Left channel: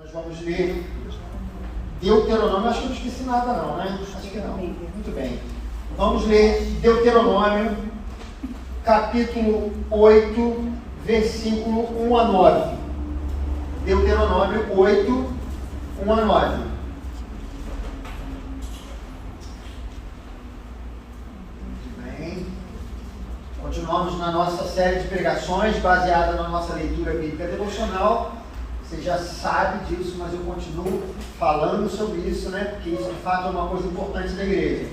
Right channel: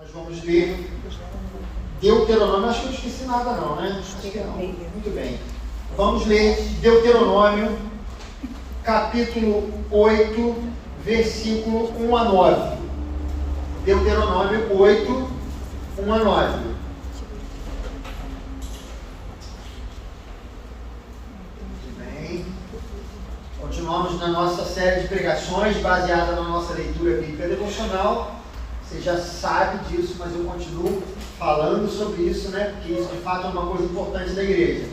Nós vamos ler Deuteronômio. Acho que eu não esqueci nada não, né? Acho que não. Muito bem. Vamos ler Deuteronômio, capítulo 8, versículo 1 a 9. Deuteronômio 8, 1 a 9. Muito bem. Continuamos na nossa série de pregações baseada na nossa leitura bíblica devocional. Você já sabe disso, mas eu continuo falando sobre isso, né? Porque isso de fato é uma coisa importante da igreja.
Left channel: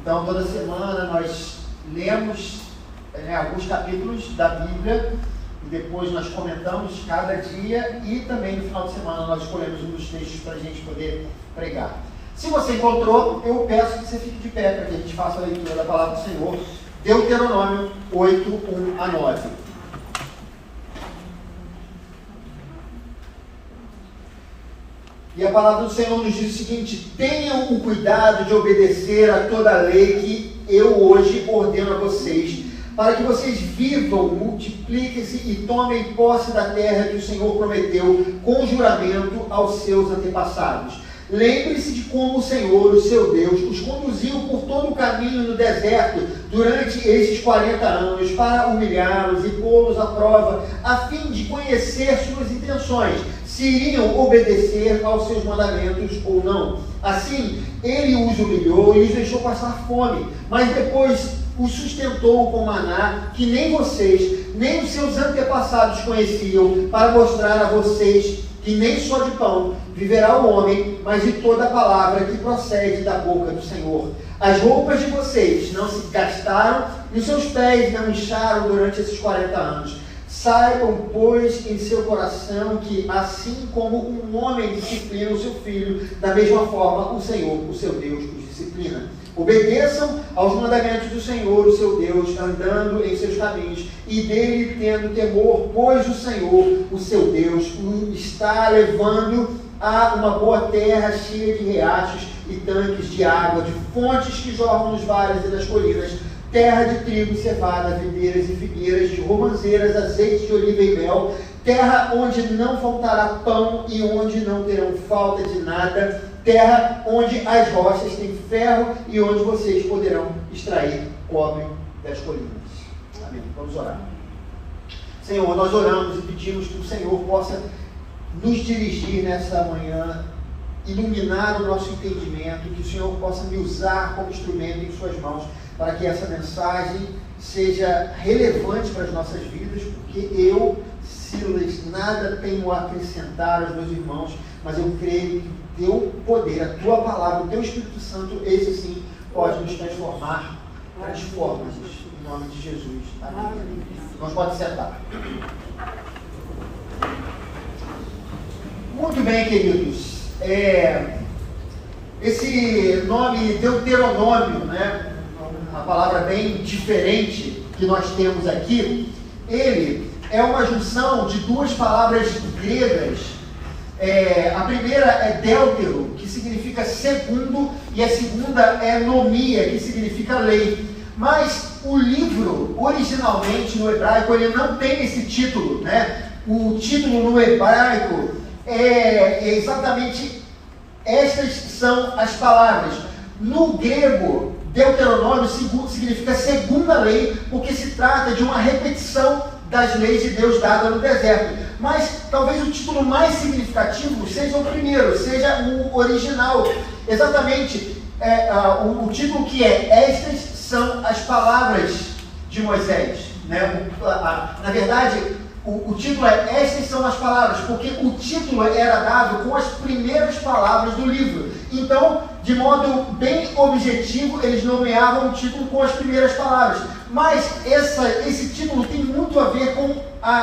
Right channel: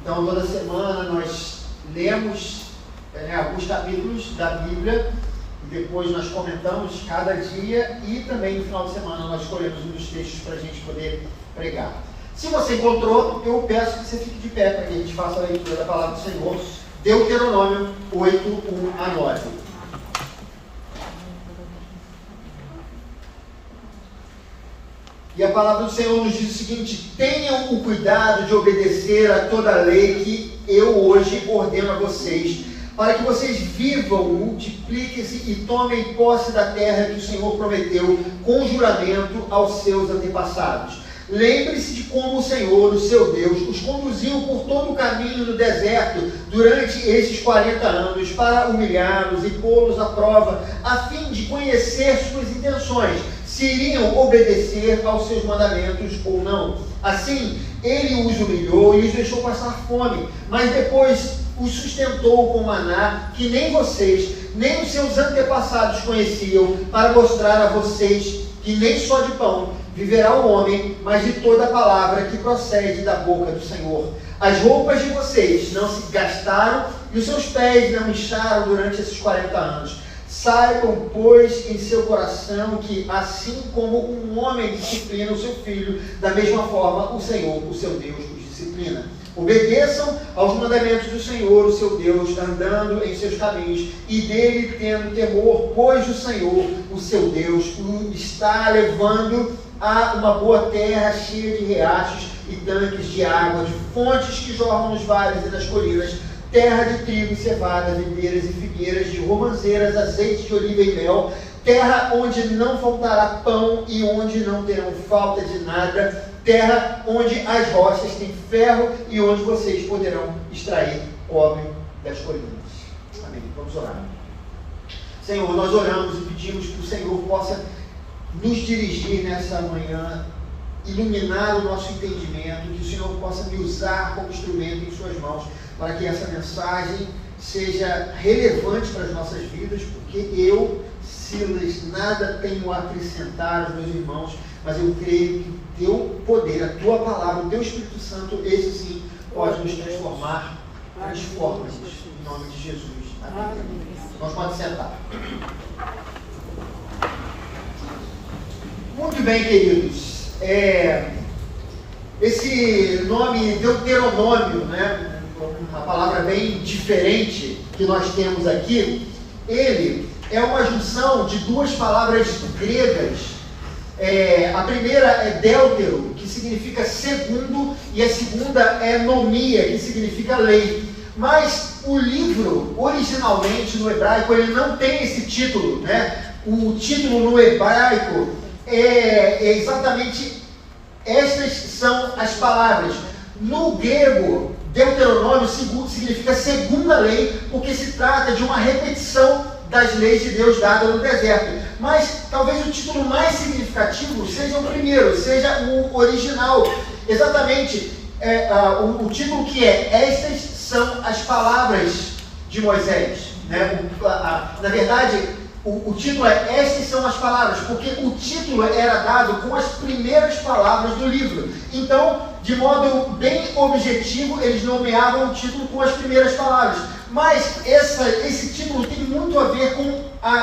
Então, toda semana nós lemos alguns capítulos da Bíblia e depois nós comentamos cada dia e também no final de semana nós escolhemos um dos textos para a gente poder pregar. Se você encontrou, eu peço que você fique de pé para que a gente faça a leitura da palavra do Senhor. Deuteronômio 8, 1 a 9. E a palavra do Senhor nos diz o seguinte: tenham o cuidado de obedecer a toda a lei que eu hoje ordeno a vocês, para que vocês vivam, multipliquem-se e tomem posse da terra que o Senhor prometeu com juramento aos seus antepassados. Lembre-se de como o Senhor, o seu Deus, os conduziu por todo o caminho no deserto durante esses 40 anos para humilhá-los e pô-los à prova, a fim de conhecer suas intenções, se iriam obedecer aos seus mandamentos ou não. Assim, ele os humilhou e os deixou passar fome, mas depois os sustentou com maná que nem vocês, nem os seus antepassados conheciam, para mostrar a vocês que nem só de pão viverá o homem, mas de toda a palavra que procede da boca do Senhor. As roupas de vocês não se gastaram e os seus pés não incharam durante esses 40 anos. Saibam, pois, em seu coração que, assim como um homem disciplina o seu filho, da mesma forma o Senhor, o seu Deus, os disciplina. Obedeçam aos mandamentos do Senhor, o seu Deus, andando em seus caminhos, e dele tendo temor, pois o Senhor, o seu Deus, o está levando a uma boa terra cheia de riachos e tanques de água, de fontes que jorram nos vales e nas colinas, terra de trigo, cevada, videiras e figueiras, de romanceiras, azeite de oliva e mel, terra onde não faltará pão e onde não terão falta de nada, terra onde as rochas têm ferro e onde vocês poderão extrair cobre das colinas. Amém. Vamos orar. Senhor, nós oramos e pedimos que o Senhor possa nos dirigir nessa manhã, iluminar o nosso entendimento, que o Senhor possa me usar como instrumento em suas mãos, para que essa mensagem seja relevante para as nossas vidas, porque eu, Silas, nada tenho a acrescentar aos meus irmãos, mas eu creio que teu poder, a tua palavra, o teu Espírito Santo, esse sim, pode nos transformar. Transforma-nos, em nome de Jesus. Amém. Nós podemos sentar. Muito bem, queridos. Esse nome Deuteronômio, né? Uma palavra bem diferente que nós temos aqui, ele é uma junção de duas palavras gregas. A primeira é deutero, que significa segundo, e a segunda é nomia, que significa lei. Mas o livro, originalmente no hebraico, ele não tem esse título, né? O título no hebraico é exatamente estas são as palavras. No grego, Deuteronômio significa segunda lei, porque se trata de uma repetição das leis de Deus dadas no deserto. Mas talvez o título mais significativo seja o primeiro, seja o original. Exatamente, o título que é: estas são as palavras de Moisés. Né? Na verdade, o título é: estas são as palavras, porque o título era dado com as primeiras palavras do livro. Então, de modo bem objetivo, eles nomeavam o título com as primeiras palavras. Mas esse título tem muito a ver com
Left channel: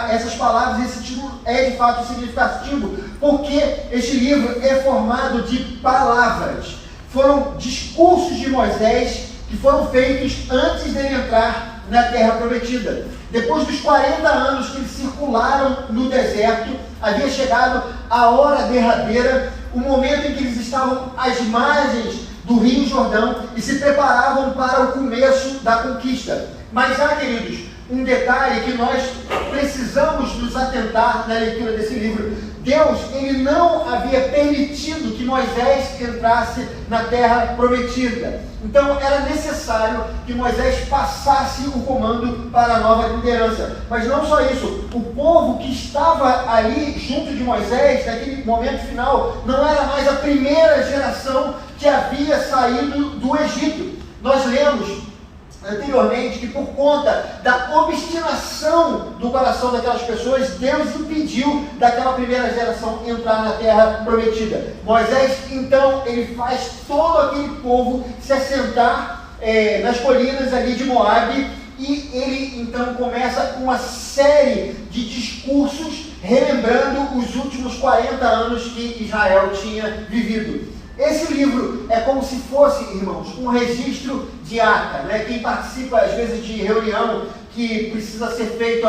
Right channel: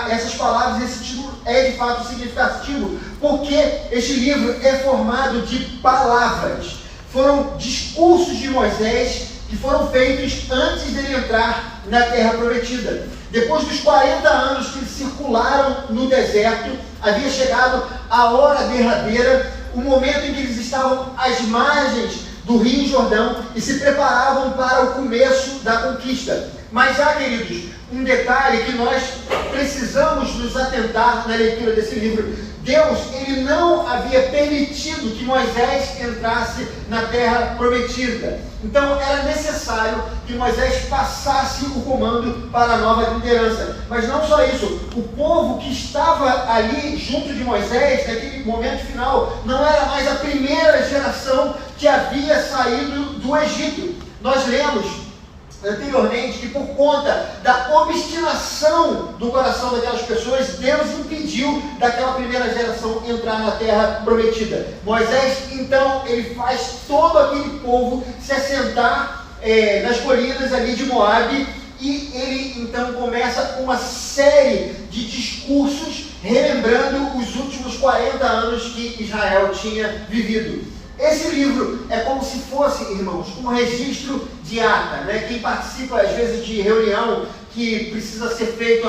essas palavras. Esse título é de fato significativo, porque este livro é formado de palavras. Foram discursos de Moisés que foram feitos antes dele entrar na Terra Prometida. Depois dos 40 anos que eles circularam no deserto, havia chegado a hora derradeira, o momento em que eles estavam às margens do Rio Jordão e se preparavam para o começo da conquista. Mas queridos, um detalhe que nós precisamos nos atentar na leitura desse livro. Deus, ele não havia permitido que Moisés entrasse na terra prometida. Então era necessário que Moisés passasse o comando para a nova liderança. Mas não só isso, o povo que estava ali junto de Moisés, naquele momento final, não era mais a primeira geração que havia saído do Egito. Nós lemos anteriormente que por conta da obstinação do coração daquelas pessoas, Deus impediu daquela primeira geração entrar na terra prometida. Moisés, então, ele faz todo aquele povo se assentar nas colinas ali de Moabe, e ele então começa uma série de discursos relembrando os últimos 40 anos que Israel tinha vivido. Esse livro é como se fosse, irmãos, um registro de ata, né? Quem participa às vezes de reunião que precisa ser feito,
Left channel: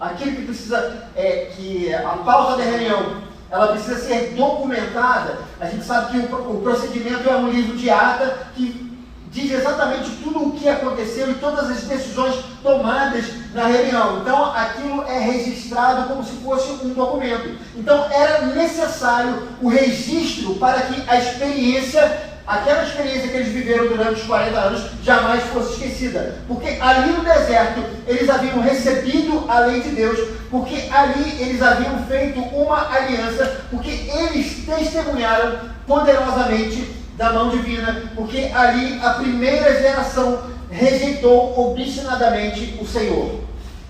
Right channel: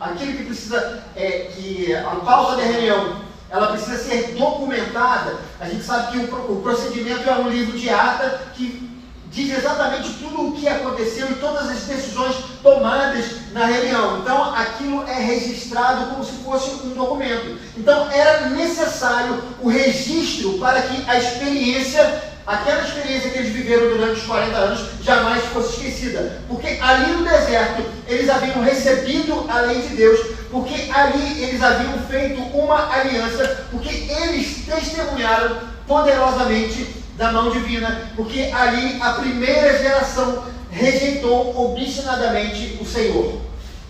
aquilo que precisa, que a pauta da reunião, ela precisa ser documentada. A gente sabe que o procedimento é um livro de ata que diz exatamente tudo o que aconteceu e todas as decisões tomadas na reunião. Então, aquilo é registrado como se fosse um documento. Então, era necessário o registro para que a experiência, aquela experiência que eles viveram durante os 40 anos, jamais fosse esquecida. Porque ali no deserto, eles haviam recebido a lei de Deus, porque ali eles haviam feito uma aliança, porque eles testemunharam poderosamente da mão divina, porque ali a primeira geração rejeitou obstinadamente o Senhor.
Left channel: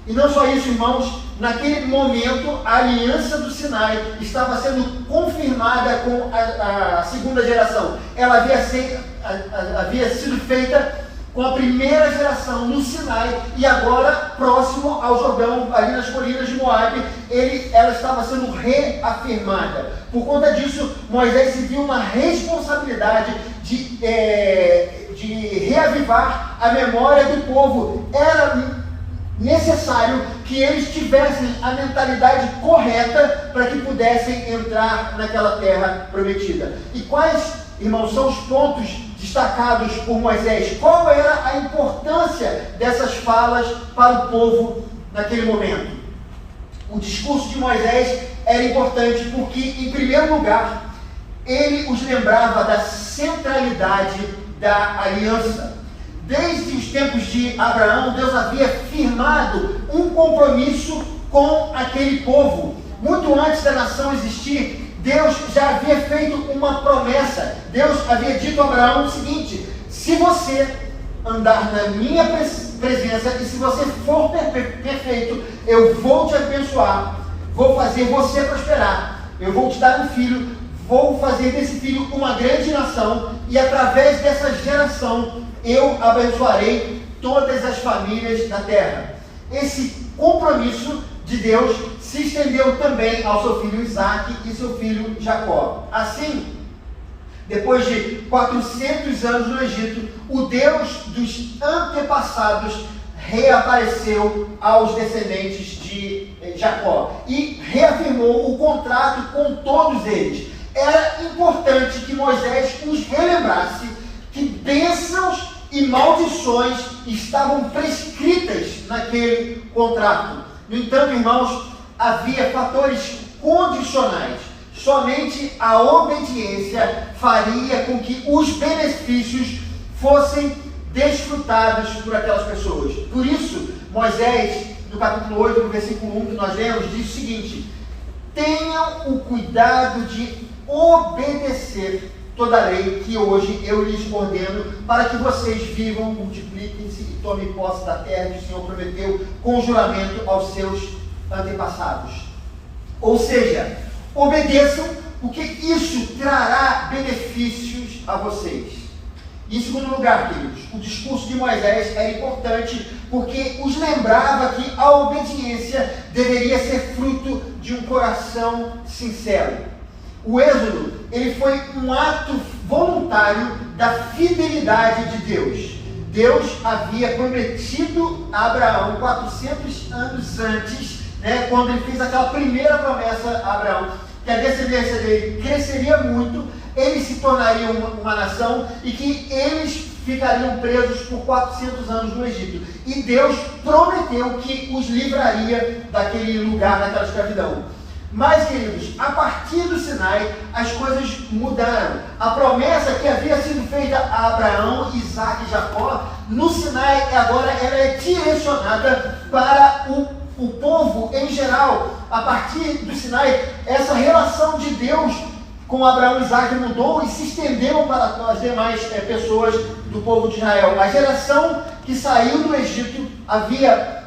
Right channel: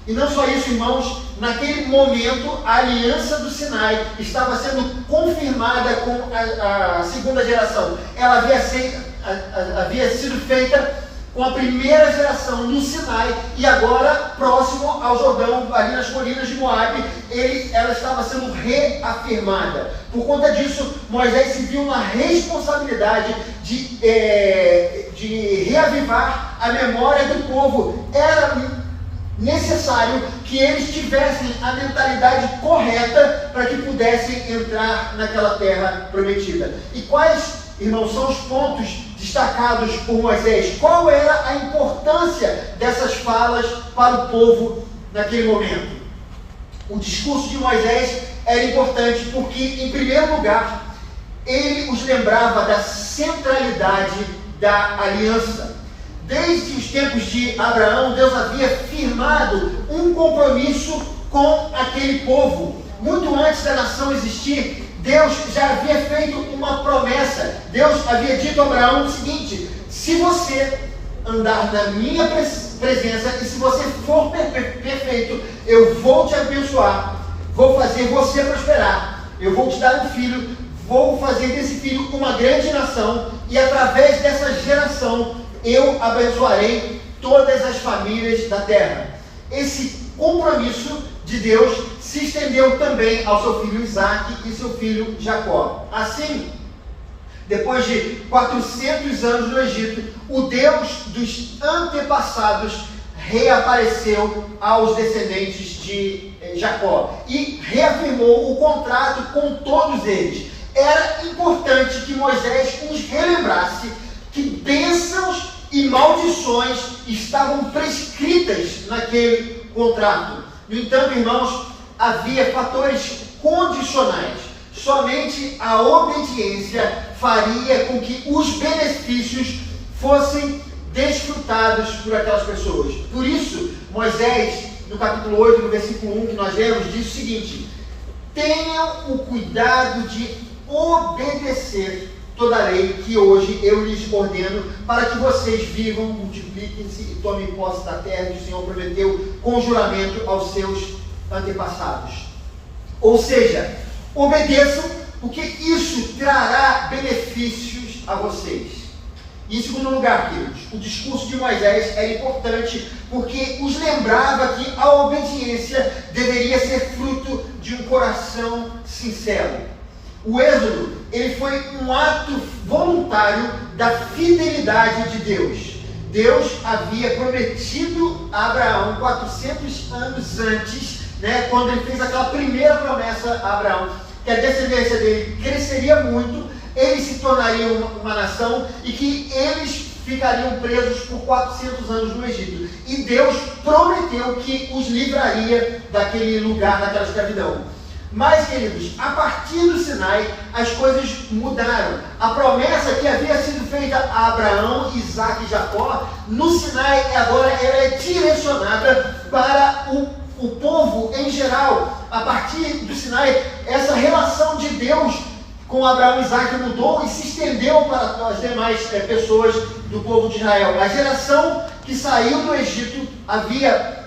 E não só isso, irmãos, naquele momento a aliança do Sinai estava sendo confirmada com a segunda geração. Ela havia sido feita com a primeira geração no Sinai, e agora, próximo ao Jordão, ali nas colinas de Moabe, ela estava sendo reafirmada. Por conta disso, Moisés se viu na responsabilidade de reavivar a memória do povo. Era necessário que eles tivessem a mentalidade correta para que pudessem entrar naquela terra prometida. E quais, irmãos, são os pontos destacados por Moisés? Qual era a importância dessas falas para o povo naquele momento? O discurso de Moisés era importante porque, em primeiro lugar, ele os lembrava da centralidade da aliança. Desde os tempos de Abraão, Deus havia firmado um compromisso com aquele povo. Muito antes da nação existir, Deus já havia feito uma promessa. Deus havia dito a Abraão o seguinte: se você andar na minha presença e se você for perfeito, eu vou te abençoar, vou fazer você prosperar, eu vou te dar um filho, vou fazer desse filho uma grande nação, e através dessa geração eu abençoarei todas as famílias da terra. Esse compromisso de Deus se estendeu também ao seu filho Isaac e seu filho Jacó. Assim, depois de 400 anos no Egito, o Deus dos antepassados reapareceu aos descendentes de Jacó e reafirmou o contrato com todos eles. Era importante que Moisés os relembrasse que bênçãos e maldições estavam prescritas naquele contrato. No entanto, irmãos, havia fatores condicionais. Somente a obediência faria com que os benefícios fossem desfrutados por aquelas pessoas. Por isso, Moisés, no capítulo 8, no versículo 1 que nós lemos, diz o seguinte: tenham o cuidado de obedecer toda a lei que hoje eu lhes ordeno, para que vocês vivam, multipliquem-se e tomem posse da terra que o Senhor prometeu com juramento aos seus antepassados. Ou seja, obedeçam, porque isso trará benefícios a vocês. E em segundo lugar, queridos, o discurso de Moisés era importante porque os lembrava que a obediência deveria ser fruto de um coração sincero. O êxodo, ele foi um ato voluntário da fidelidade de Deus. Deus havia prometido a Abraão 400 anos antes, quando ele fez aquela primeira promessa a Abraão, que a descendência dele cresceria muito, eles se tornariam uma nação e que eles ficariam presos por 400 anos no Egito. E Deus prometeu que os livraria daquele lugar, daquela escravidão. Mas, queridos, a partir do Sinai, as coisas mudaram. A promessa que havia sido feita a Abraão, Isaac e Jacó, no Sinai agora ela é direcionada para o povo em geral. A partir do Sinai, essa relação de Deus com Abraão e Isaac mudou e se estendeu para as demais pessoas do povo de Israel. A geração que saiu do Egito havia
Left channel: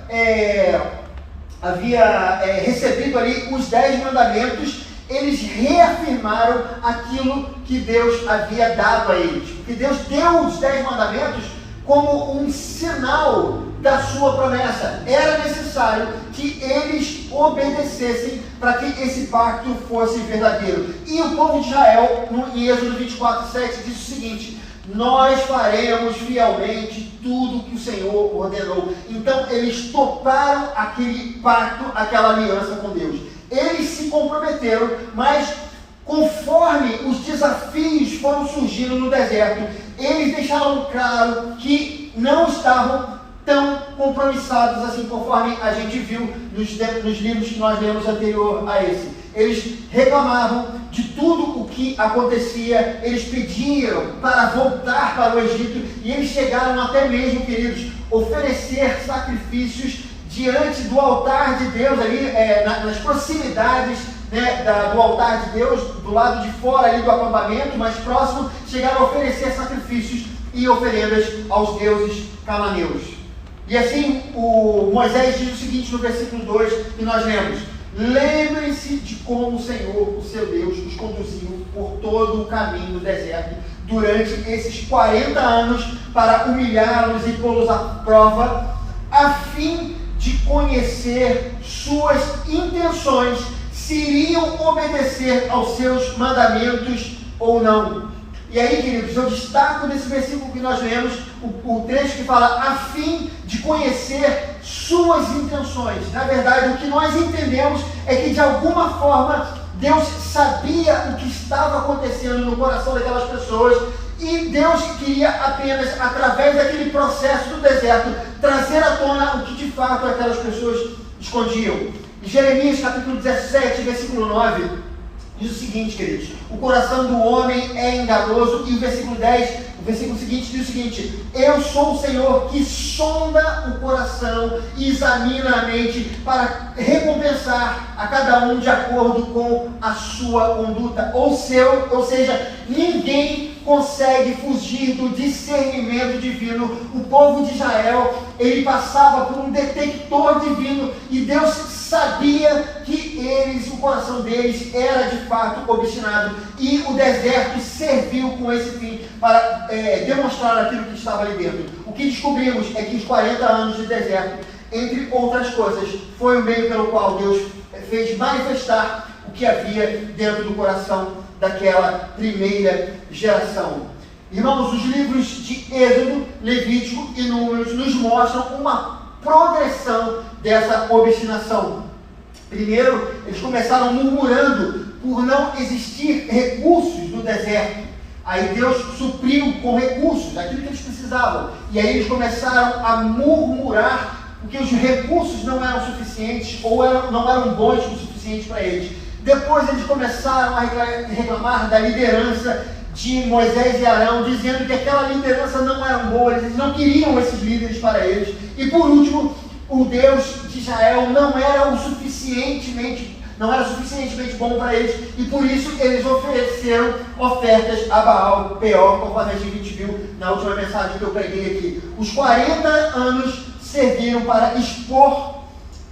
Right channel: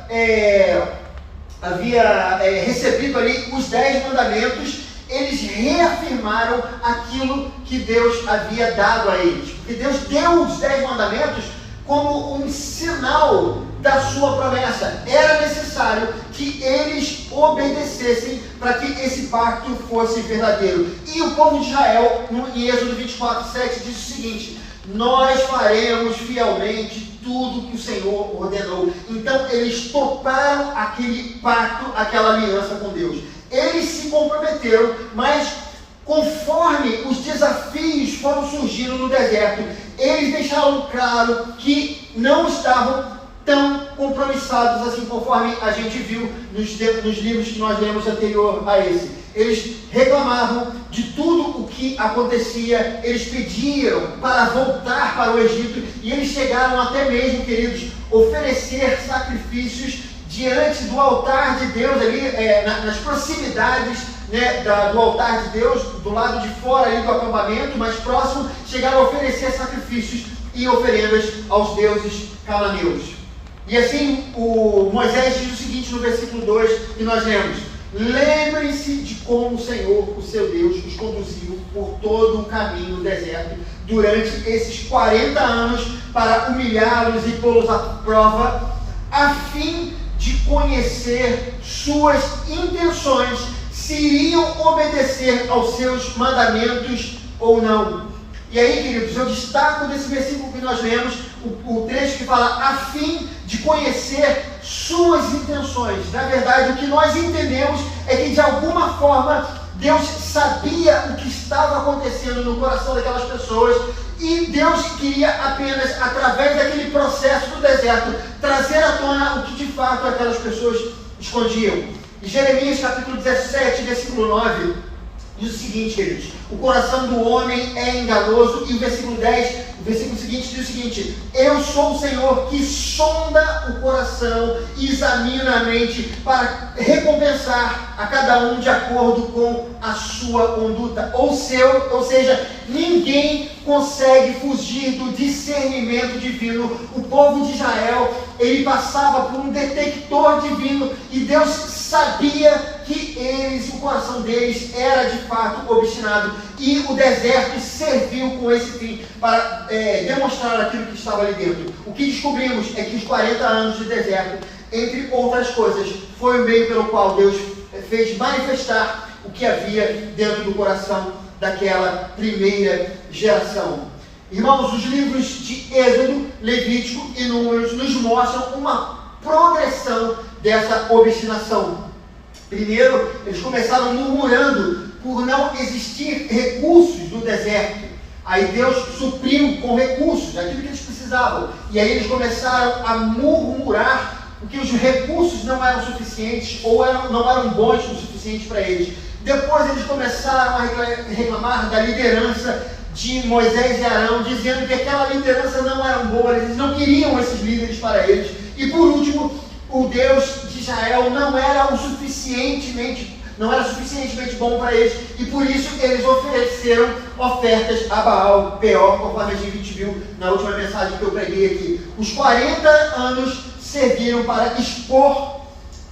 recebido ali os 10 mandamentos. Eles reafirmaram aquilo que Deus havia dado a eles. Porque Deus deu os 10 mandamentos como um sinal da sua promessa. Era necessário que eles obedecessem para que esse pacto fosse verdadeiro. E o povo de Israel, em Êxodo 24:7, diz o seguinte: nós faremos fielmente tudo que o Senhor ordenou. Então eles toparam aquele pacto, aquela aliança com Deus. Eles se comprometeram, mas conforme os desafios foram surgindo no deserto, eles deixaram claro que não estavam tão compromissados assim, conforme a gente viu nos livros que nós lemos anterior a esse. Eles reclamavam de tudo o que acontecia, eles pediam para voltar para o Egito, e eles chegaram até mesmo, queridos, oferecer sacrifícios diante do altar de Deus, ali nas proximidades, né, do altar de Deus, do lado de fora ali do acampamento, mais próximo, chegaram a oferecer sacrifícios e oferendas aos deuses cananeus. E assim, Moisés diz o seguinte no versículo 2, e nós lemos: lembrem-se de como o Senhor, o seu Deus, os conduziu por todo o caminho do deserto durante esses 40 anos para humilhá-los e pô-los à prova, a fim de conhecer suas intenções, se iriam obedecer aos seus mandamentos ou não. E aí, queridos, eu destaco desse versículo que nós lemos, o trecho que fala a fim de conhecer suas intenções. Na verdade, o que nós entendemos é que de alguma forma Deus sabia o que estava acontecendo no coração daquelas pessoas, e Deus queria apenas, através daquele processo do deserto, trazer à tona o que de fato aquelas pessoas escondiam. Em Jeremias capítulo 17, versículo 9, diz o seguinte, queridos: o coração do homem é enganoso. E o versículo 10, o versículo seguinte, diz o seguinte: eu sou o Senhor que sonda o coração e examina a mente para recompensar a cada um de acordo com a sua conduta. Ou seja, ninguém consegue fugir do discernimento divino. O povo de Israel, ele passava por um detector divino, e Deus sabia que o coração deles era de fato obstinado, e o deserto serviu com esse fim para demonstrar aquilo que estava ali dentro. O que descobrimos é que os 40 anos de deserto, entre outras coisas, foi o meio pelo qual Deus fez manifestar o que havia dentro do coração daquela primeira geração. Irmãos, os livros de Êxodo, Levítico e Números nos mostram uma progressão dessa obstinação. Primeiro, eles começaram murmurando por não existir recursos no deserto. Aí Deus supriu com recursos aquilo que eles precisavam. E aí eles começaram a murmurar porque os recursos não eram suficientes, ou não eram bons o suficiente para eles. Depois eles começaram a reclamar da liderança de Moisés e Arão, dizendo que aquela liderança não era boa, eles não queriam esses líderes para eles. E por último, o Deus de Israel não era suficientemente bom para eles, e por isso eles ofereceram ofertas a Baal Peor, conforme a gente viu na última mensagem que eu preguei aqui. Os 40 anos serviram para expor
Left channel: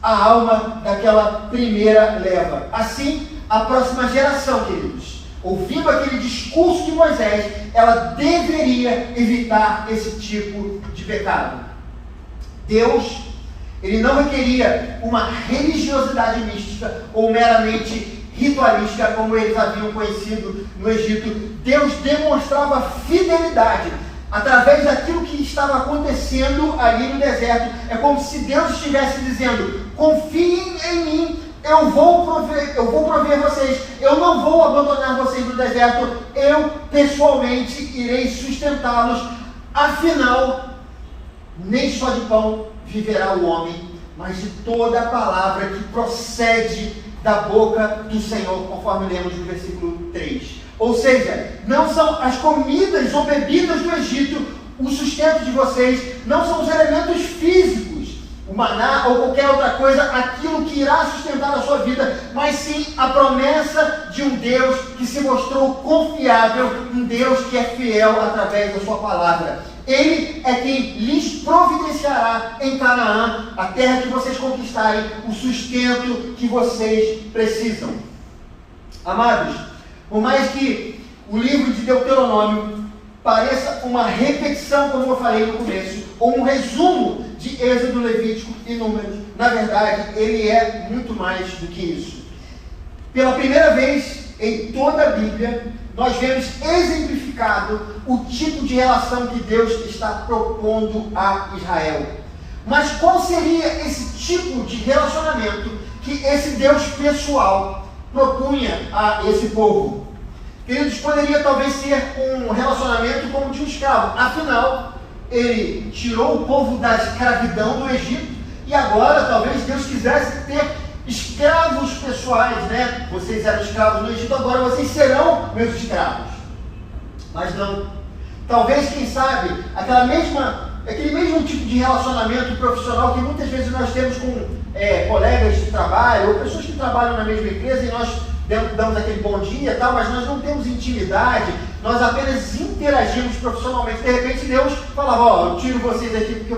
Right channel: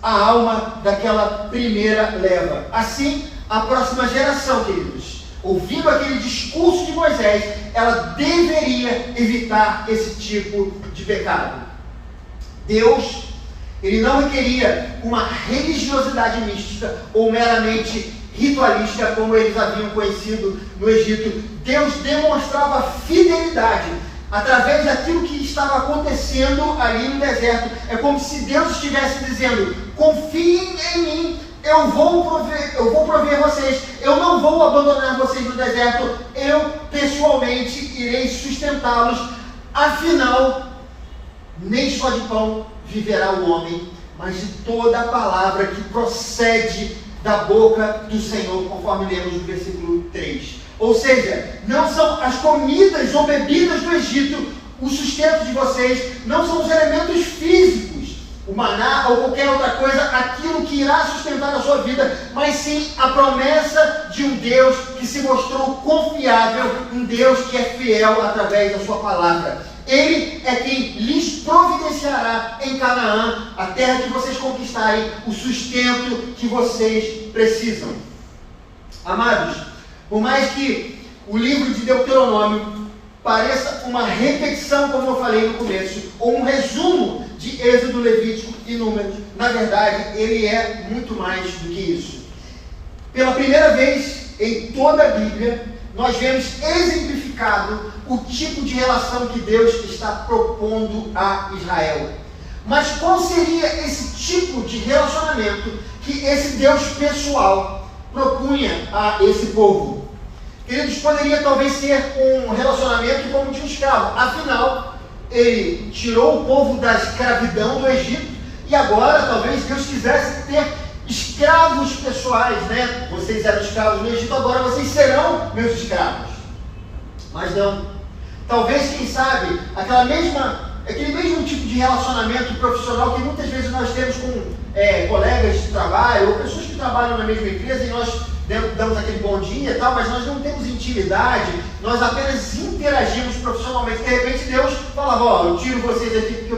a alma daquela primeira leva. Assim, a próxima geração, queridos, ouvindo aquele discurso de Moisés, ela deveria evitar esse tipo de pecado. Deus, ele não requeria uma religiosidade mística ou meramente ritualística, como eles haviam conhecido no Egito. Deus demonstrava fidelidade através daquilo que estava acontecendo ali no deserto. É como se Deus estivesse dizendo: confiem em mim, eu vou prover vocês, eu não vou abandonar vocês no deserto, eu pessoalmente irei sustentá-los Afinal, nem só de pão viverá o homem, mas de toda a palavra que procede da boca do Senhor, conforme lemos no versículo 3. Ou seja, não são as comidas ou bebidas do Egito o sustento de vocês, não são os elementos físicos, o maná ou qualquer outra coisa, aquilo que irá sustentar a sua vida, mas sim a promessa de um Deus que se mostrou confiável, um Deus que é fiel através da sua palavra. Ele é quem lhes providenciará em Canaã, a terra que vocês conquistarem, o sustento que vocês precisam. Amados, por mais que o livro de Deuteronômio pareça uma repetição, como eu falei no começo, ou um resumo de Êxodo, Levítico e Números, na verdade, ele é muito mais do que isso. Pela primeira vez em toda a Bíblia, nós vemos exemplificado o tipo de relação que Deus está propondo a Israel. Mas qual seria esse tipo de relacionamento que esse Deus pessoal propunha a esse povo? Queridos, poderia talvez ser um relacionamento como de um escravo. Afinal, ele tirou o povo da escravidão do Egito e agora talvez Deus quisesse ter escravos pessoais, né? Vocês eram escravos no Egito, agora vocês serão meus escravos. Mas não. Talvez, quem sabe, aquele mesmo tipo de relacionamento profissional que muitas vezes nós temos com colegas de trabalho ou pessoas que trabalham na mesma empresa e nós damos aquele bom dia e tal, mas nós não temos intimidade, nós apenas interagimos profissionalmente. De repente Deus falava, eu tiro vocês aqui porque eu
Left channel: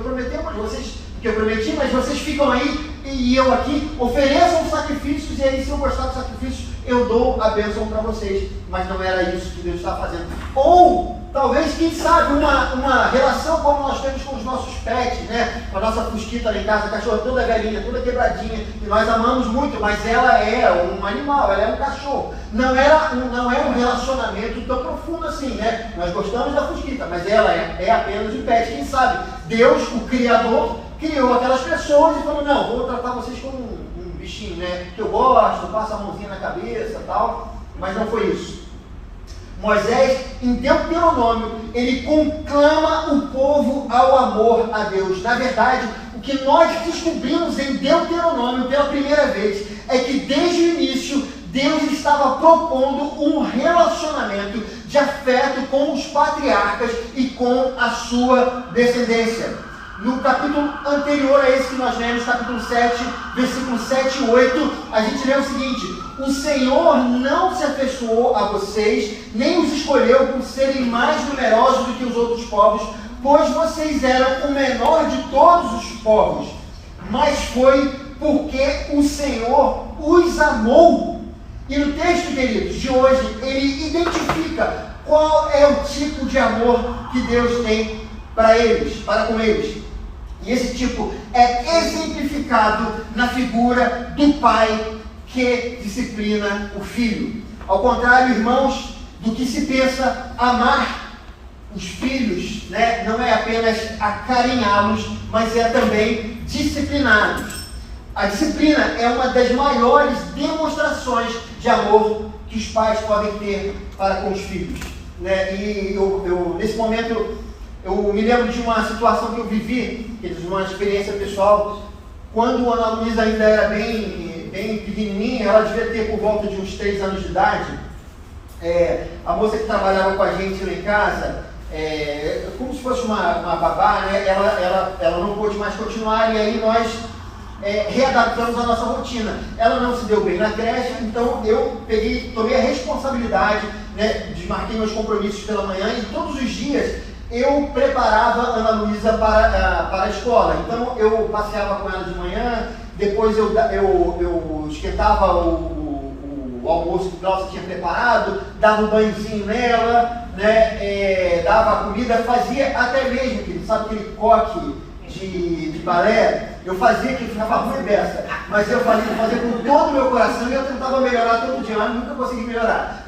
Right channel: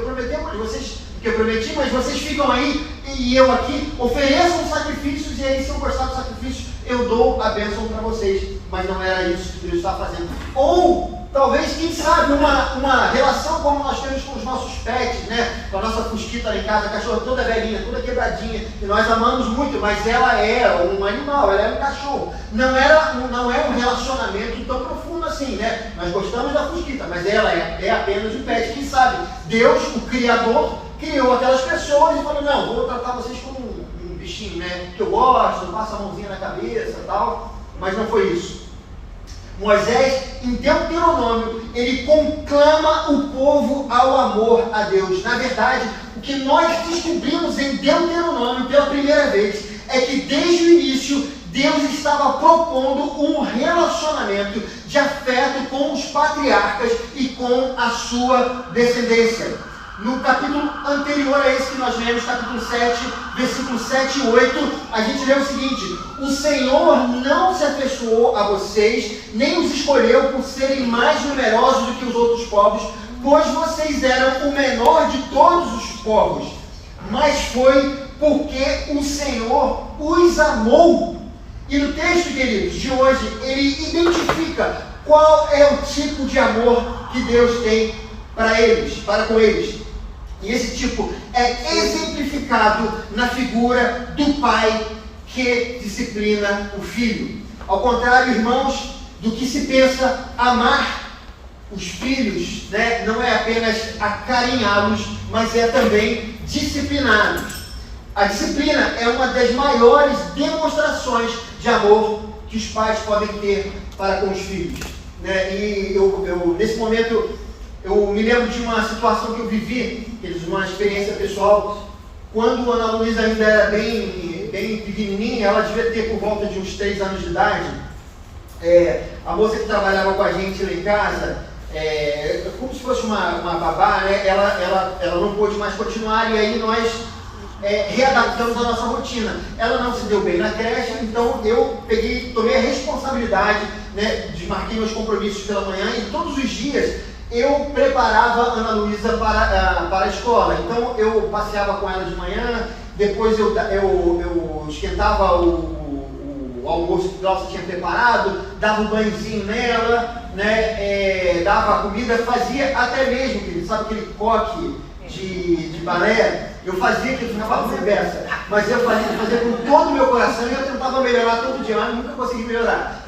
prometi, mas vocês ficam aí e eu aqui, ofereçam sacrifícios, e aí se eu gostar dos sacrifícios, eu dou a bênção para vocês. Mas não era isso que Deus estava fazendo. Ou, talvez, quem sabe, uma relação como nós temos com os nossos pets, né? Com a nossa fusquita lá em casa, a cachorra toda velhinha, toda quebradinha, que nós amamos muito, mas ela é um animal, ela é um cachorro. Não é um relacionamento tão profundo assim, né? Nós gostamos da fusquita, mas ela é apenas um pet. Quem sabe, Deus, o Criador, criou aquelas pessoas e falou, não, vou tratar vocês como um bichinho, né? Que eu gosto, passa a mãozinha na cabeça e tal, mas não foi isso. Moisés, em Deuteronômio, ele conclama o povo ao amor a Deus. Na verdade, o que nós descobrimos em Deuteronômio pela primeira vez é que desde o início Deus estava propondo um relacionamento de afeto com os patriarcas e com a sua descendência. No capítulo anterior a esse que nós lemos, capítulo 7, versículos 7 e 8, a gente lê o seguinte: o Senhor não se afeiçoou a vocês, nem os escolheu por serem mais numerosos do que os outros povos, pois vocês eram o menor de todos os povos, mas foi porque o Senhor os amou. E no texto, queridos, de hoje, ele identifica qual é o tipo de amor que Deus tem para com eles. E esse tipo é exemplificado na figura do pai que disciplina o filho. Ao contrário, irmãos, do que se pensa, amar os filhos, né, não é apenas acarinhá-los, mas é também discipliná-los. A disciplina é uma das maiores demonstrações de amor que os pais podem ter para com os filhos, né? E eu nesse momento, eu me lembro de uma situação que eu vivi, uma experiência pessoal, quando a Ana Luísa ainda era bem pequenininha, ela devia ter por volta de uns 3 anos de idade. A moça que trabalhava com a gente lá em casa, como se fosse uma babá, né? Ela não pôde mais continuar, e aí nós readaptamos a nossa rotina. Ela não se deu bem na creche, então eu tomei a responsabilidade, né? Desmarquei meus compromissos pela manhã, e todos os dias eu preparava a Ana Luísa para a escola. Então eu passeava com ela de manhã, depois eu esquentava o almoço que ela tinha preparado, dava um banhozinho nela, né? Dava a comida, fazia até mesmo, sabe aquele coque de balé? Eu fazia aquilo, ficava ruim beça, mas eu fazia com todo o meu coração, e eu tentava melhorar todo dia, mas nunca consegui melhorar.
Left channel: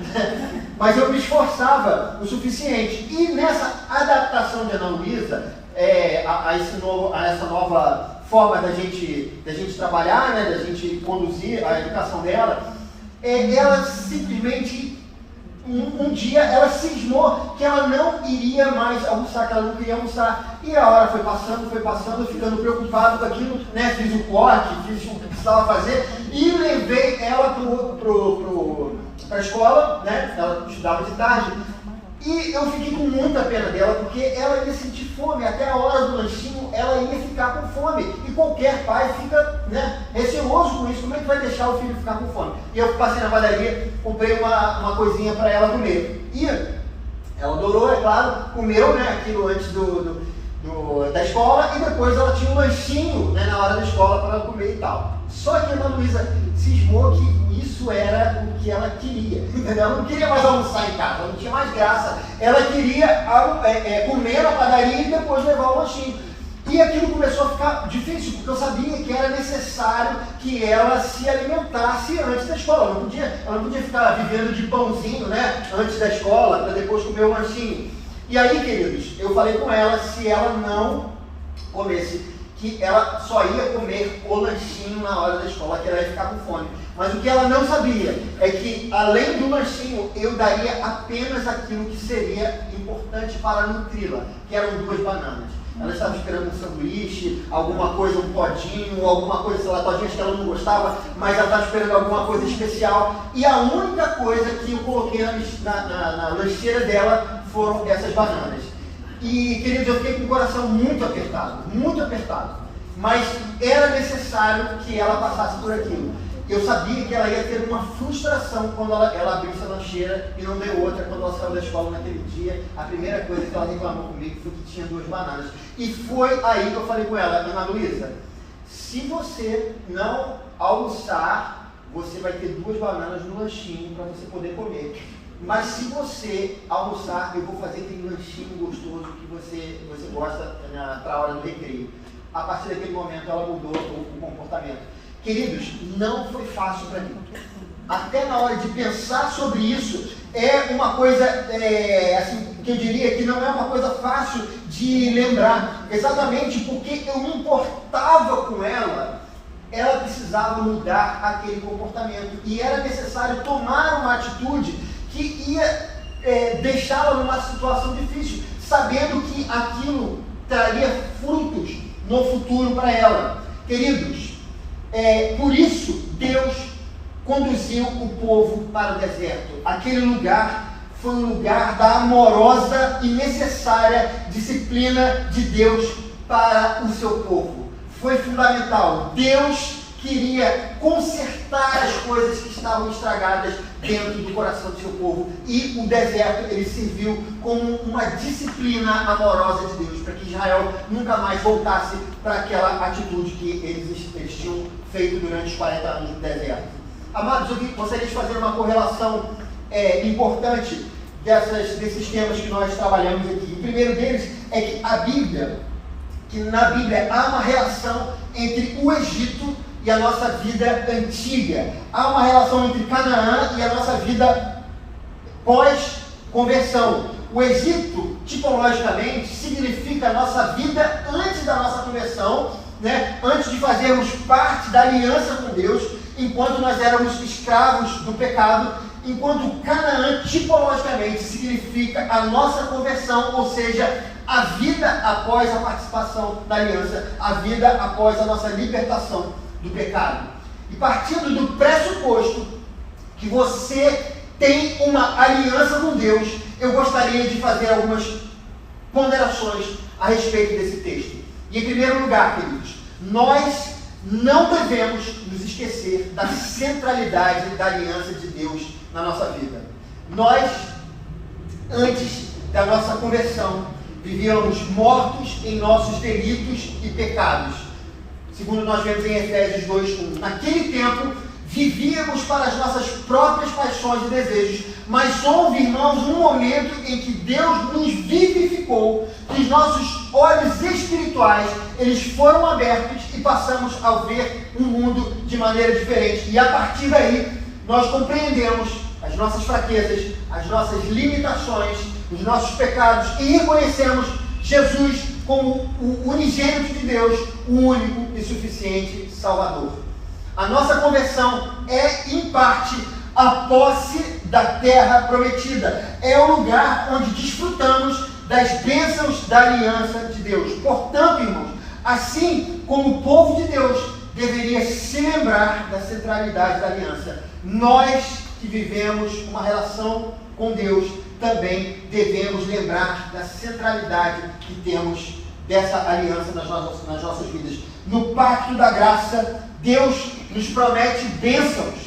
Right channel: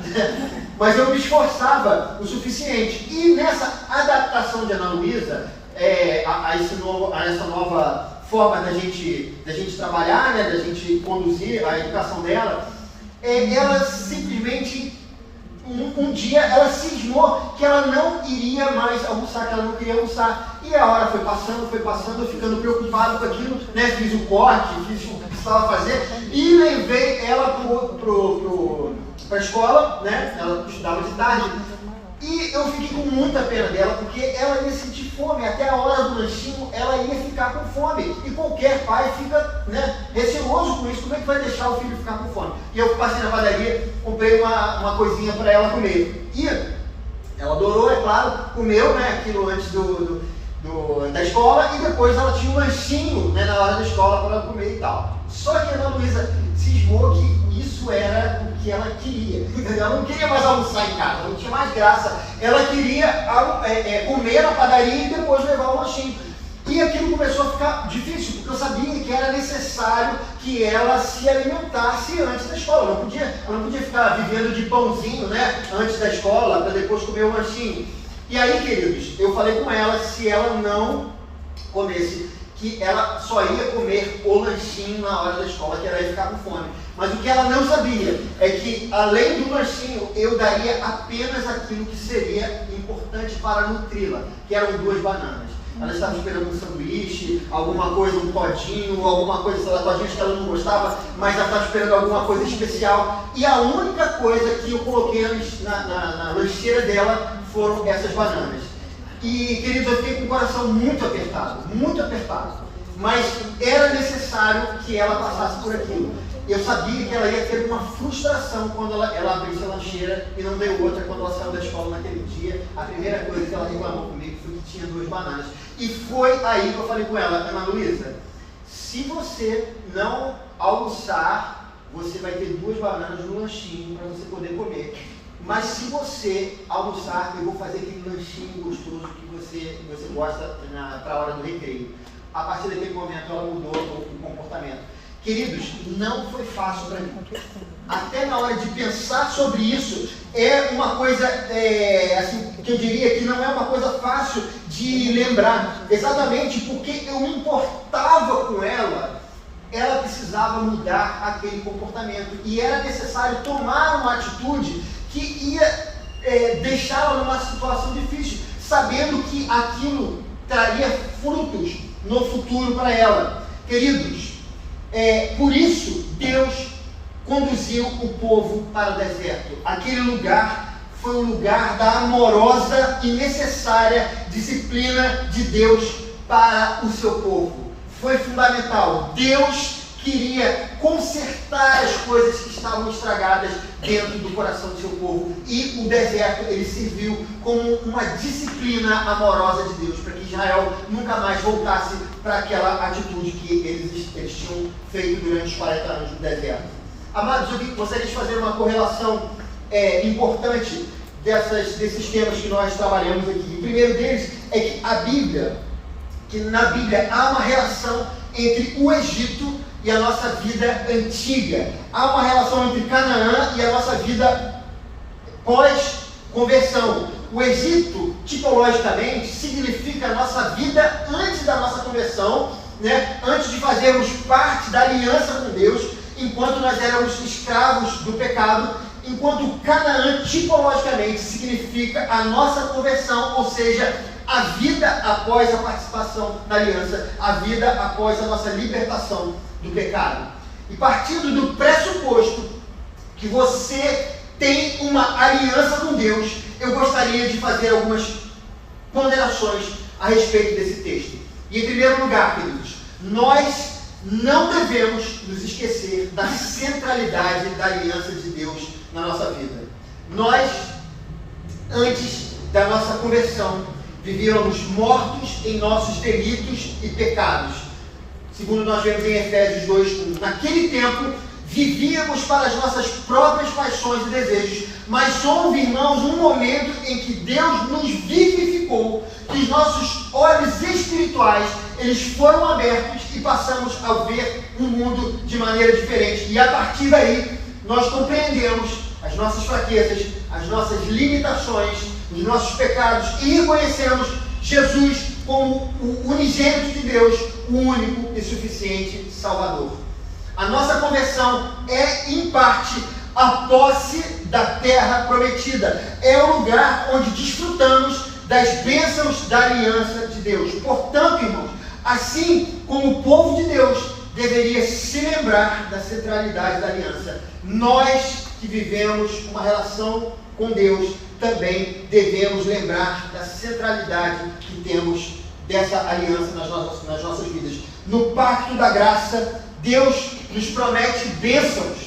Mas eu me esforçava o suficiente. E nessa adaptação de Ana Luísa a essa nova forma da gente trabalhar, né, da gente conduzir a educação dela, ela simplesmente um dia ela cismou que ela não iria mais almoçar, que ela não queria almoçar. E a hora foi passando, eu ficando preocupado com aquilo, né? Fiz o corte, fiz o que precisava fazer e levei ela para a escola, né? Ela estudava de tarde. E eu fiquei com muita pena dela, porque ela ia sentir fome, até a hora do lanchinho ela ia ficar com fome. E qualquer pai fica, né, receoso com isso, como é que vai deixar o filho ficar com fome? E eu passei na padaria, comprei uma coisinha para ela comer. E ela adorou, é claro, comeu, né, aquilo antes da escola, e depois ela tinha um lanchinho, né, na hora da escola para ela comer e tal. Só que a Ana Luísa cismou que isso era o que ela queria. Ela não queria mais almoçar em casa, não tinha mais graça. Ela queria comer na padaria e depois levar o lanchinho. E aquilo começou a ficar difícil, porque eu sabia que era necessário que ela se alimentasse antes da escola. Ela não podia ficar vivendo de pãozinho, né, antes da escola, para depois comer o lanchinho. E aí, queridos, eu falei com ela, se ela não comesse, que ela só ia comer o lanchinho na hora da escola, que ela ia ficar com fome. Mas o que ela não sabia é que, além do lanchinho, eu daria apenas aquilo que seria importante para nutri-la, que eram 2 bananas. Ela estava esperando um sanduíche, alguma coisa, um todinho, alguma coisa, sei lá, todinhas que ela não gostava, mas ela estava esperando alguma coisa especial. E a única coisa que eu coloquei na lancheira dela foram essas bananas. E, queridos, eu fiquei com o coração muito apertado, mas era necessário que ela passasse por aquilo. Eu sabia que ela ia ter uma frustração quando ela abriu essa lancheira e não deu outra quando ela saiu da escola naquele dia. A primeira coisa que ela reclamou comigo foi que tinha 2 bananas. E foi aí que eu falei com ela, Ana Luísa, se você não almoçar, você vai ter 2 bananas no lanchinho para você poder comer. Mas se você almoçar, eu vou fazer aquele lanchinho gostoso que você gosta para a hora do recreio. A partir daquele momento ela mudou o comportamento. Queridos, não foi fácil para mim. Até na hora de pensar sobre isso, é uma coisa assim, que eu diria que não é uma coisa fácil de lembrar. Exatamente porque eu me importava com ela, ela precisava mudar aquele comportamento. E era necessário tomar uma atitude que ia deixá-la numa situação difícil, sabendo que aquilo traria frutos no futuro para ela. Queridos, por isso Deus conduziu o povo para o deserto. Aquele lugar foi o lugar da amorosa e necessária disciplina de Deus para o seu povo. Foi fundamental. Deus queria consertar as coisas que estavam estragadas dentro do coração do seu povo. E o deserto, ele serviu como uma disciplina amorosa de Deus, para que Israel nunca mais voltasse para aquela atitude que eles tinham feito durante os 40 anos no deserto. Amados, eu gostaria de fazer uma correlação importante desses temas que nós trabalhamos aqui. O primeiro deles é que na Bíblia há uma relação entre o Egito e a nossa vida antiga. Há uma relação entre Canaã e a nossa vida pós-conversão. O Egito, tipologicamente, significa a nossa vida antes da nossa conversão, né? Antes de fazermos parte da aliança com Deus, enquanto nós éramos escravos do pecado, enquanto Canaã, tipologicamente, significa a nossa conversão, ou seja, a vida após a participação na aliança, a vida após a nossa libertação do pecado. E partindo do pressuposto que você tem uma aliança com Deus, eu gostaria de fazer algumas ponderações a respeito desse texto. E em primeiro lugar, queridos, nós não devemos nos esquecer da centralidade da aliança de Deus na nossa vida. Nós, antes da nossa conversão, vivíamos mortos em nossos delitos e pecados. Segundo nós vemos em Efésios 2:1. Naquele tempo, vivíamos para as nossas próprias paixões e desejos, mas houve, irmãos, um momento em que Deus nos vivificou, que os nossos olhos espirituais, eles foram abertos e passamos a ver um mundo de maneira diferente. E a partir daí, nós compreendemos as nossas fraquezas, as nossas limitações, os nossos pecados e reconhecemos Jesus como o unigênito de Deus, o único e suficiente Salvador. A nossa conversão é, em parte, a posse da terra prometida. É o lugar onde desfrutamos das bênçãos da aliança de Deus. Portanto, irmãos, assim como o povo de Deus deveria se lembrar da centralidade da aliança, nós que vivemos uma relação com Deus também devemos lembrar da centralidade que temos dessa aliança nas nossas vidas. No pacto da graça, Deus nos promete bênçãos.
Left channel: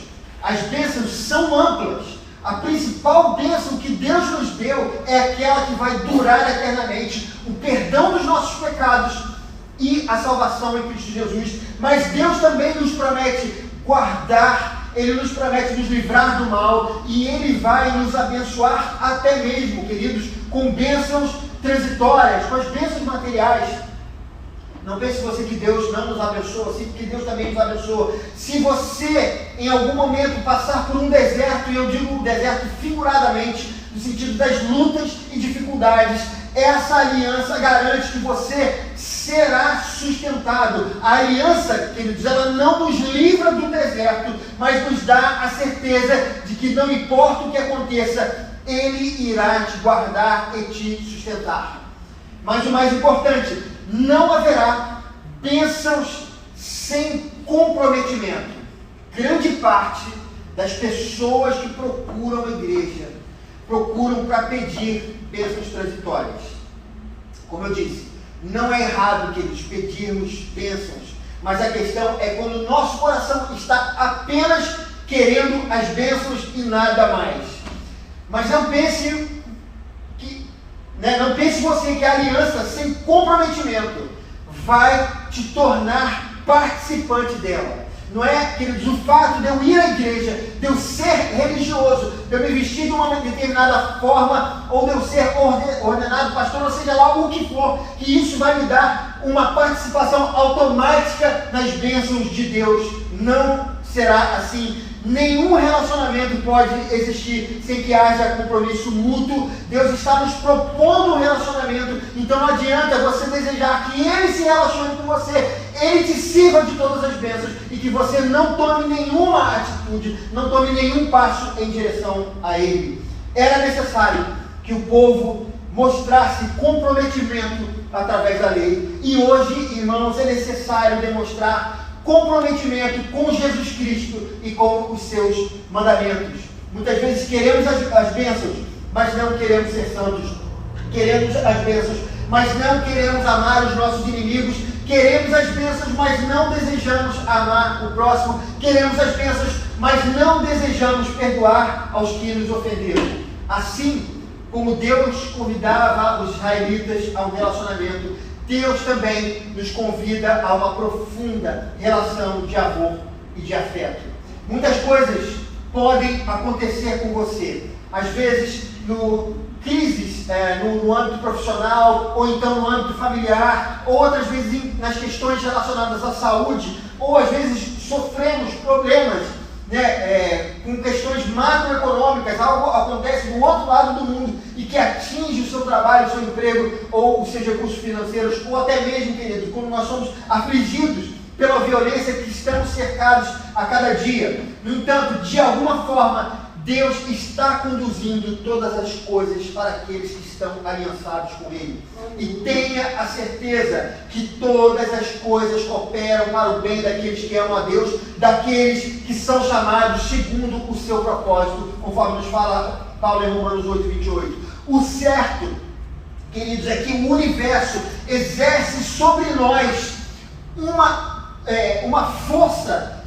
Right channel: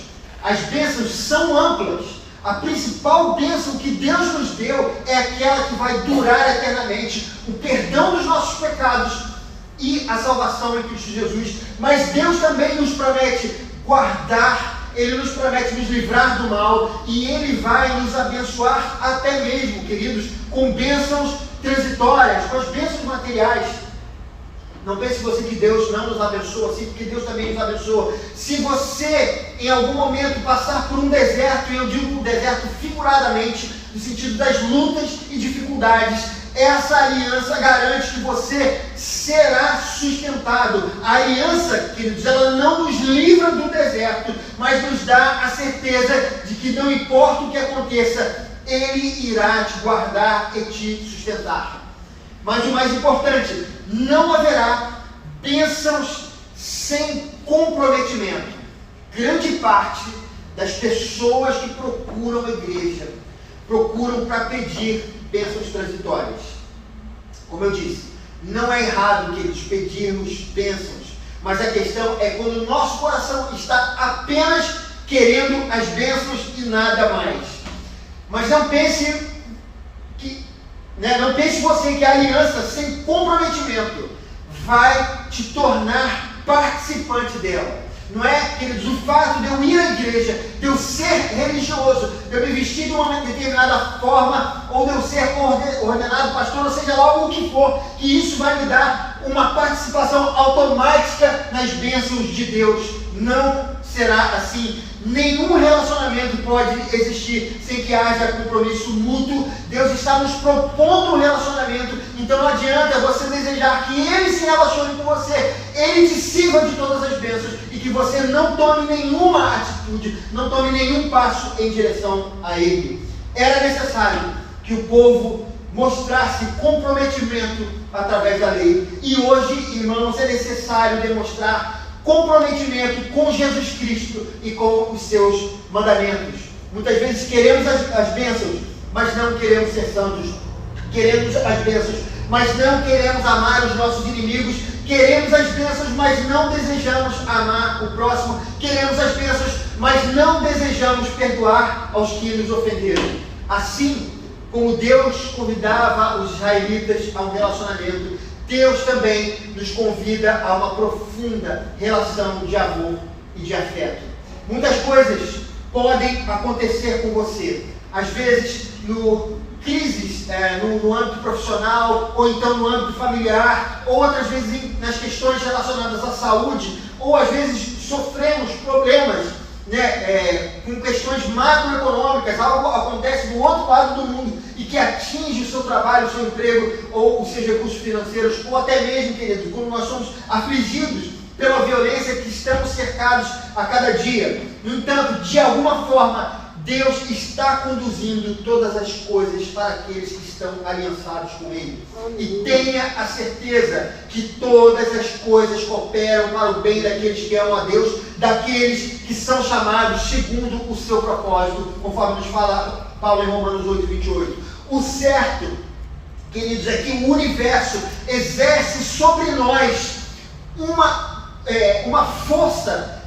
As bênçãos são amplas. A principal bênção que Deus nos deu é aquela que vai durar eternamente, o perdão dos nossos pecados e a salvação em Cristo Jesus. Mas Deus também nos promete guardar, Ele nos promete nos livrar do mal, e Ele vai nos abençoar até mesmo, queridos, com bênçãos transitórias, com as bênçãos materiais. Não pense você que Deus não nos abençoa, sim, porque Deus também nos abençoa. Se você, em algum momento, passar por um deserto, e eu digo um deserto figuradamente, no sentido das lutas e dificuldades, essa aliança garante que você será sustentado. A aliança, queridos, ela não nos livra do deserto, mas nos dá a certeza de que não importa o que aconteça, Ele irá te guardar e te sustentar. Mas o mais importante, não haverá bênçãos sem comprometimento. Grande parte das pessoas que procuram a igreja procuram para pedir bênçãos transitórias. Como eu disse, não é errado, queridos, pedirmos bênçãos, mas a questão é quando o nosso coração está apenas querendo as bênçãos e nada mais. Mas não pense você que a aliança sem comprometimento vai te tornar participante dela. Não é, queridos, o fato de eu ir à igreja, de eu ser religioso, de eu me vestir de uma determinada forma, ou de eu ser ordenado pastor, ou seja lá o que for, que isso vai me dar uma participação automática nas bênçãos de Deus. Não será assim. Nenhum relacionamento pode existir sem que haja compromisso mútuo. Deus está nos propondo um relacionamento, então não adianta você desejar que Ele se relacione com você, Ele te sirva de todas as bênçãos e que você não tome nenhuma atitude, não tome nenhum passo em direção a Ele. Era necessário que o povo mostrasse comprometimento através da lei, e hoje, irmãos, é necessário demonstrar comprometimento com Jesus Cristo e com os seus mandamentos. Muitas vezes queremos as bênçãos, mas não queremos ser santos. Queremos as bênçãos, mas não queremos amar os nossos inimigos. Queremos as bênçãos, mas não desejamos amar o próximo. Queremos as bênçãos, mas não desejamos perdoar aos que nos ofenderam. Assim como Deus convidava os israelitas a um relacionamento, Deus também nos convida a uma profunda relação de amor e de afeto. Muitas coisas podem acontecer com você, às vezes crises no âmbito profissional, ou então no âmbito familiar, ou outras vezes nas questões relacionadas à saúde, ou às vezes sofremos problemas, com questões macroeconômicas. Algo acontece do outro lado do mundo e que atinge o seu trabalho, o seu emprego, ou os seus recursos financeiros, ou até mesmo, querido, quando nós somos afligidos pela violência que estamos cercados a cada dia. No entanto, de alguma forma, Deus está conduzindo todas as coisas para aqueles que estão aliançados com Ele. E tenha a certeza que todas as coisas cooperam para o bem daqueles que amam a Deus, daqueles que são chamados segundo o seu propósito, conforme nos fala Paulo em Romanos 8:28. O certo, queridos, é que o universo exerce sobre nós uma força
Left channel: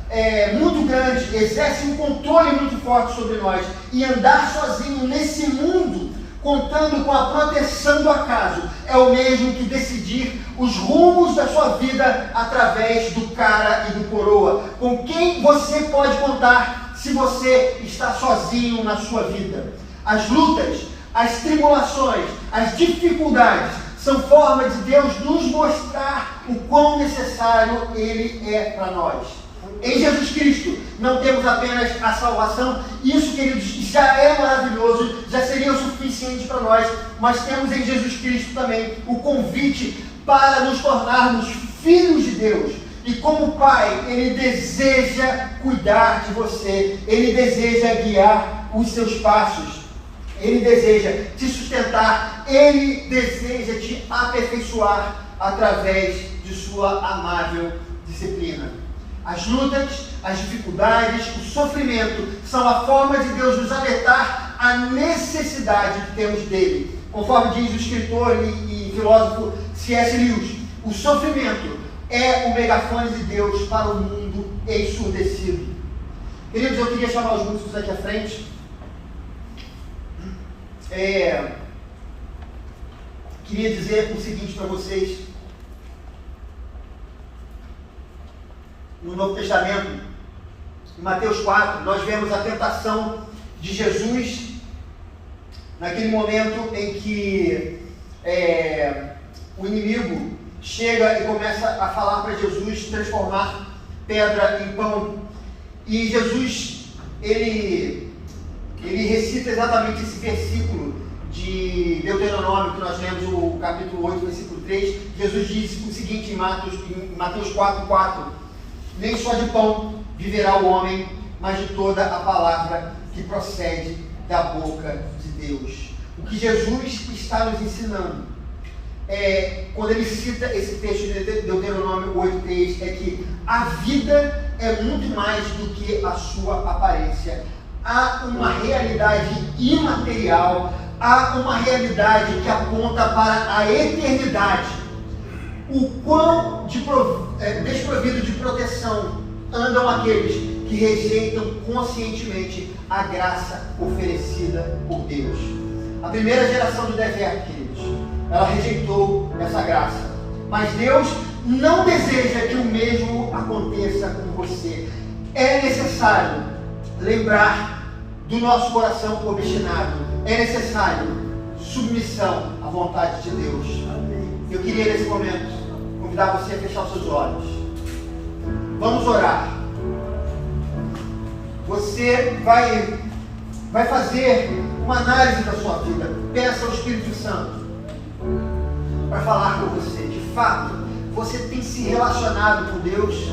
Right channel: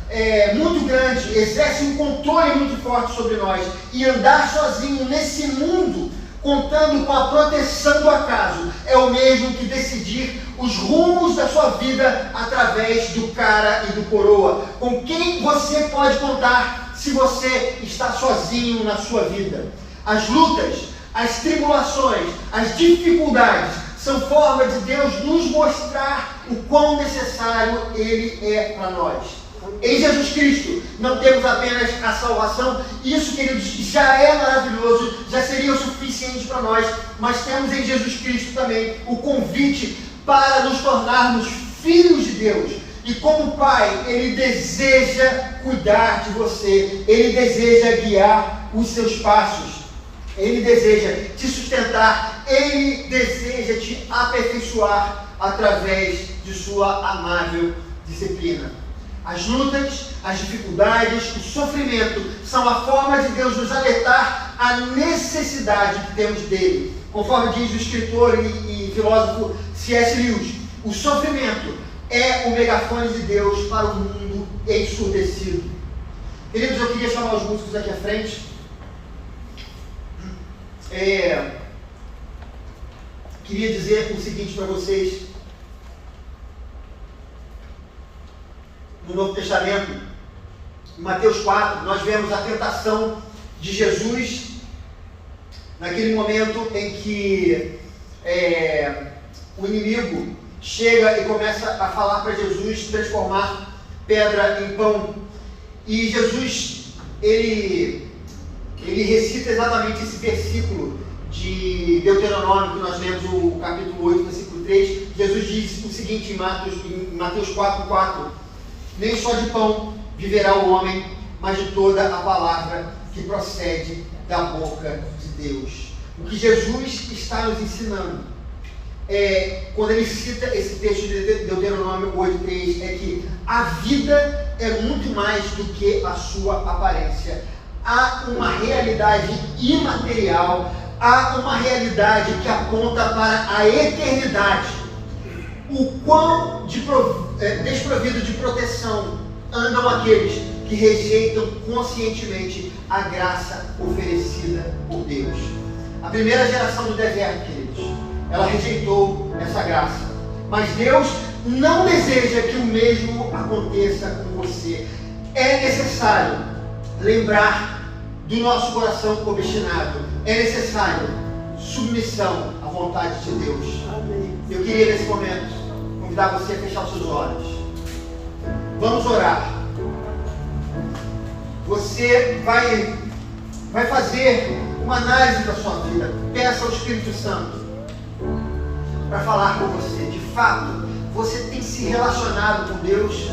muito grande, exerce um controle muito forte sobre nós, e andar sozinho nesse mundo, contando com a proteção do acaso, é o mesmo que decidir os rumos da sua vida através do cara e do coroa. Com quem você pode contar se você está sozinho na sua vida? As lutas, as tribulações, as dificuldades são forma de Deus nos mostrar o quão necessário Ele é para nós. Em Jesus Cristo não temos apenas a salvação, isso, queridos, já é maravilhoso, já seria o suficiente para nós, mas temos em Jesus Cristo também o convite para nos tornarmos filhos de Deus. E como Pai, Ele deseja cuidar de você, Ele deseja guiar os seus passos. Ele deseja te sustentar, Ele deseja te aperfeiçoar através de sua amável disciplina. As lutas, as dificuldades, o sofrimento são a forma de Deus nos alertar a necessidade que temos dele. Conforme diz o escritor e filósofo C.S. Lewis, o sofrimento é o megafone de Deus para o mundo ensurdecido. Queridos, eu queria chamar os músicos aqui à frente. Queria dizer o seguinte para vocês. No Novo Testamento, em Mateus 4, nós vemos a tentação de Jesus naquele momento em que o inimigo chega e começa a falar para Jesus transformar pedra em pão. E Jesus, ele recita exatamente esse versículo de Deuteronômio, que nós lemos o capítulo 8, versículo 3. Jesus diz o seguinte em Mateus 4:4: nem só de pão viverá o homem, mas de toda a palavra que procede da boca de Deus. O que Jesus está nos ensinando, quando ele cita esse texto de Deuteronômio 8:3, é que a vida é muito mais do que a sua aparência. Há uma realidade imaterial, há uma realidade que aponta para a eternidade. O quão desprovido de proteção andam aqueles que rejeitam conscientemente a graça oferecida por Deus. A primeira geração do deserto, queridos, ela rejeitou essa graça. Mas Deus não deseja que o mesmo aconteça com você. É necessário lembrar do nosso coração obstinado. É necessário submissão à vontade de Deus. Eu queria nesse momento convidar você a fechar os seus olhos. Vamos orar. Você vai fazer uma análise da sua vida. Peça ao Espírito Santo para falar com você. De fato, você tem se relacionado com Deus.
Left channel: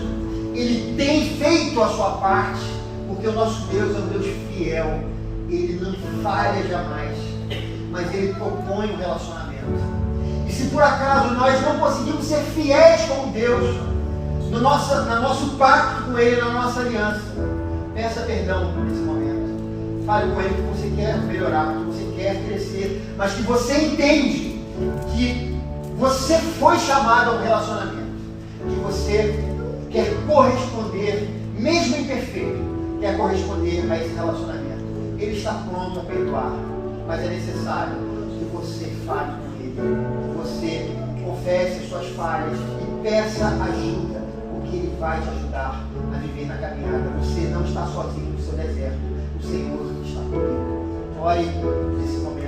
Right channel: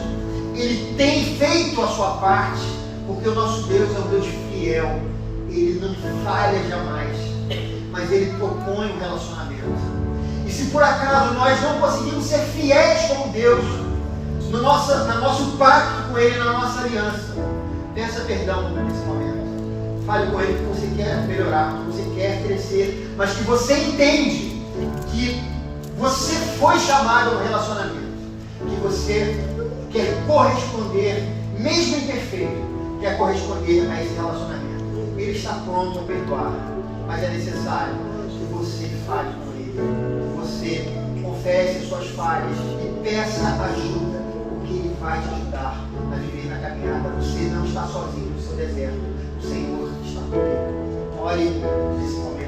Ele tem feito a sua parte, porque o nosso Deus é um Deus fiel. Ele não falha jamais, mas Ele propõe um relacionamento. E se por acaso nós não conseguimos ser fiéis como Deus, no nosso pacto com Ele, na nossa aliança, peça perdão nesse momento. Fale com Ele que você quer melhorar, que você quer crescer, mas que você entende que você foi chamado a um relacionamento, que você quer corresponder, mesmo imperfeito, quer corresponder a esse relacionamento. Ele está pronto a perdoar, mas é necessário que você fale com Ele, você confesse suas falhas e peça ajuda, porque Ele vai te ajudar a viver na caminhada. Você não está sozinho no seu deserto, o Senhor está comigo. Ore nesse momento.